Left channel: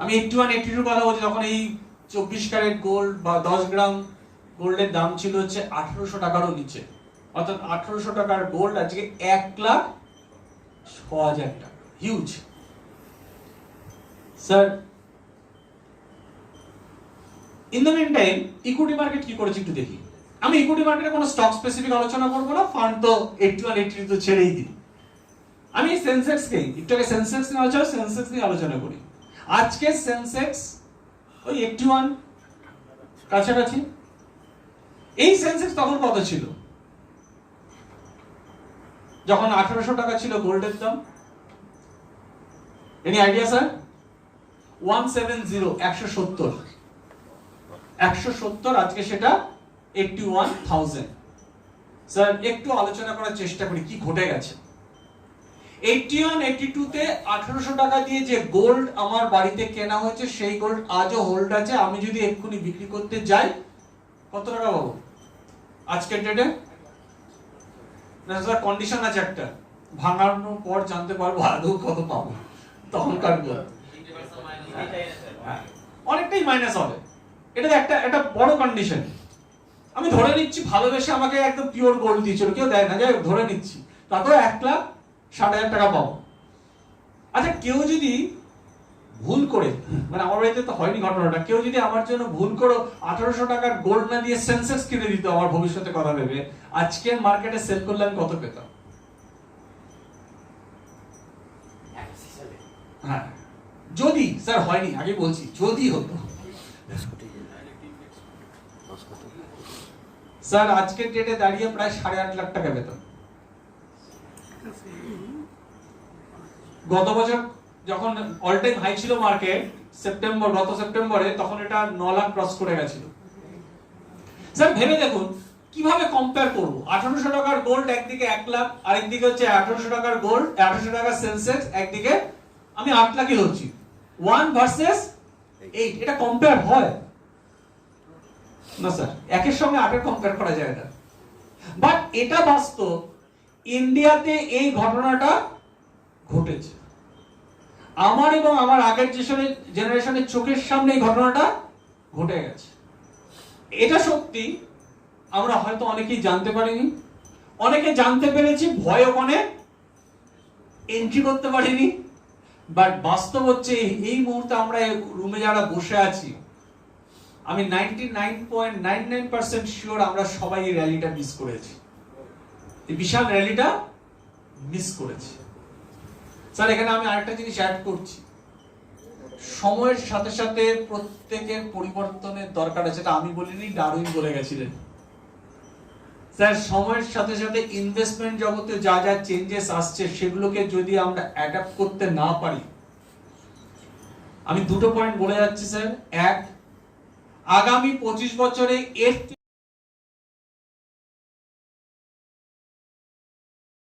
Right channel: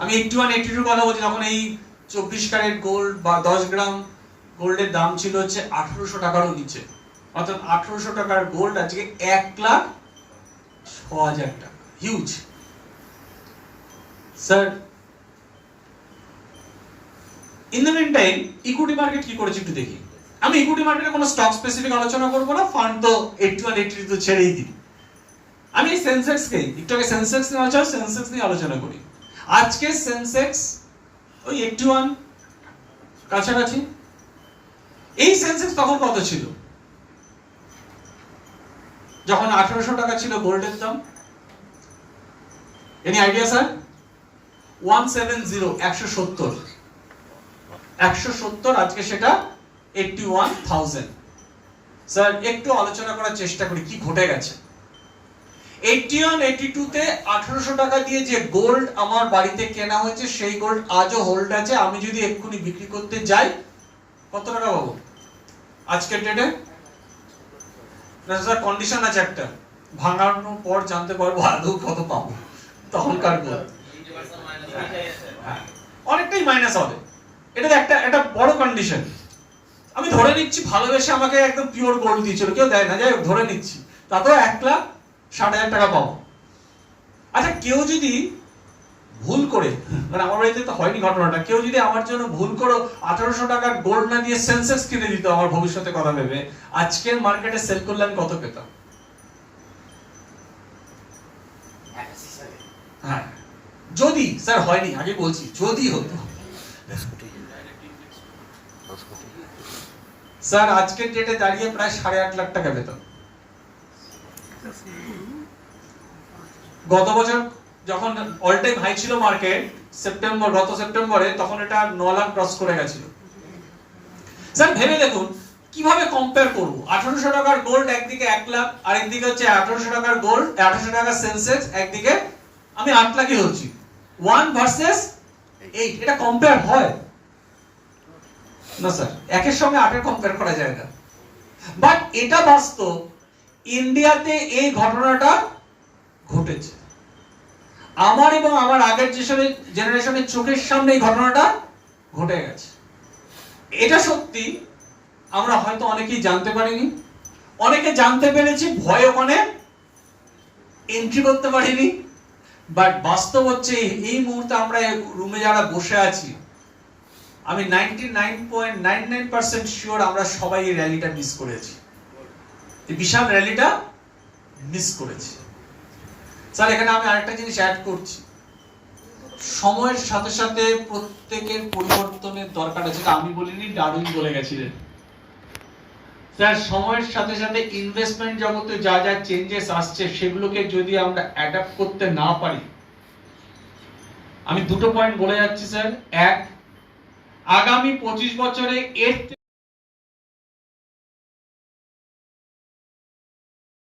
আমি eighty one eighty কথা বলছি, যখন এই চব্বিশ ক্যারেট গোল্ড বা দশ গ্রাম গোল্ডের দাম ছিল হচ্ছে আঠারোশো টাকারও নিচে। অর্থাৎ আঠারোশো টাকার গোল্ড আজকে এক লাখ ছ হাজার টাকা। Huge sir in the meantime equity market কি করেছে একটু দেখি। আমি ইকুইটি মার্কেটে কোনো স্টক স্পেসিফিক আলোচনা করব না ফান্ড তো এইটটি ওয়ান এইটটি তো ছেড়েই দিই। আমি সেন্সেক্স কে, একটু আগে সেন্সেক্স নিয়ে আলোচনা সেন্সেক্স নিয়ে আলোচনা করি। আজকে সেন্সেক্স ওই এইটটি ওয়ান কাছাকাছি। এই সেন্সেক্স তখন কত ছিল? যখন আঠারোশো টাকা ছিল গোল্ডের দাম। Any idea sir one seven zero একশো সত্তর। একশো সত্তর আজকে সেটা এইটটি ওয়ান থাউজেন্ড স্যার একটু আলোচনা করার চেষ্টা করি, কি ঘটে গেছে? এইটটি ওয়ান টুতে টাকা দিয়ে যে গোল্ড আমার বাড়িতে কেনা হয়েছে সেই গোল্ড আজও হোল্ড আছে। আমি যদি এক্ষুনি বিক্রি করতে যাই আজকের ডেটে কন্ডিশন আছে একটা। ভাঙানোর পর জানতে পারব আদৌ কত পাবো। তখনকার হ্যাঁ, অনেকটাই মাইনাস হবে। এটা একটা একটা বড় কন্ডিশন আমি ধরে নিচ্ছি ভালোবেসে আমাকে একদম পিওর গোল্ড দিয়েছিল। কেউ দেয় না। যাই ধরে নিচ্ছি। তাতেও এক লাখ ষাট হাজার টাকা পাবো। আচ্ছা কেউ যদি ভুল করে মানে আমার বাড়িতে তো হয়নি ঘটনাটা, কেউ যদি আমার জন্য ভুল করে আঠারোশো টাকার গোল্ড না দিয়ে সেন্সেক্স কিনে দিত আমার ভবিষ্যতে কথা ভেবে আজকের মার্কেটে সেল করলে আমি কত পেতাম? হ্যাঁ। যদি, স্যার, হয়নি, আগে বলছি, যদি হতো। স্যার, আজকের ডেটে দাঁড়িয়ে প্রায় সাড়ে আট লাখ টাকা বেতন গত বছর যখন অল টাইম হাই ছিল মার্কেট সেপ্টেম্বর গত সেপ্টেম্বরে তখন এটা ন লাখ ক্রস করে গেছিল। স্যার, ভেবে দেখুন, কীভাবে কম্পেয়ার করব? আঠারোশো টাকার গোল্ড একদিকে এক লাখ আর একদিকে হচ্ছে আঠারোশো টাকার গোল্ড আঠারোশো টাকার সেন্সেক্স একদিকে আমি আট লাখই ধরছি। ওয়ান ভার্সেস এইট এটা কম্পেয়ার হয়? না, স্যার, একের সঙ্গে আটের কম্পেয়ার করা যায় না। বাট এটা বাস্তব ইন্ডিয়াতে এই ঘটনাটা ঘটেছে। আমার এবং আমার আগের জেনারেশনের চোখের সামনে এই ঘটনাটা ঘটে গেছে। এটা সত্যি আমরা হয়তো অনেকেই জানতে পারিনি। অনেকে জানতে পেরেছি ভয় ওখানে এন্ট্রি করতে পারিনি। বাট বাস্তব হচ্ছে এই- মুহূর্তে আমরা রুমে যারা বসে আছি, আমি ninety nine point nine nine percent sure আমরা সবাই এই র্যালিটা মিস করেছি। বিশাল র্যালিটা মিস করেছি। স্যার, এখানে আমি আরেকটা জিনিস অ্যাড করছি। সময়ের সাথে সাথে প্রত্যেকের পরিবর্তনের দরকার আছে। আমি বলিনি, ডারউইন বলে গেছিলেন। স্যার, সময়ের সাথে সাথে ইনভেস্টমেন্ট জগতে যা যা চেঞ্জেস আসছে, সেগুলোকে যদি আমরা অ্যাডাপ্ট করতে না পারি, আমি দুটো পয়েন্ট বলে যাচ্ছি, স্যার। এক, আগামী পঁচিশ বছরে এর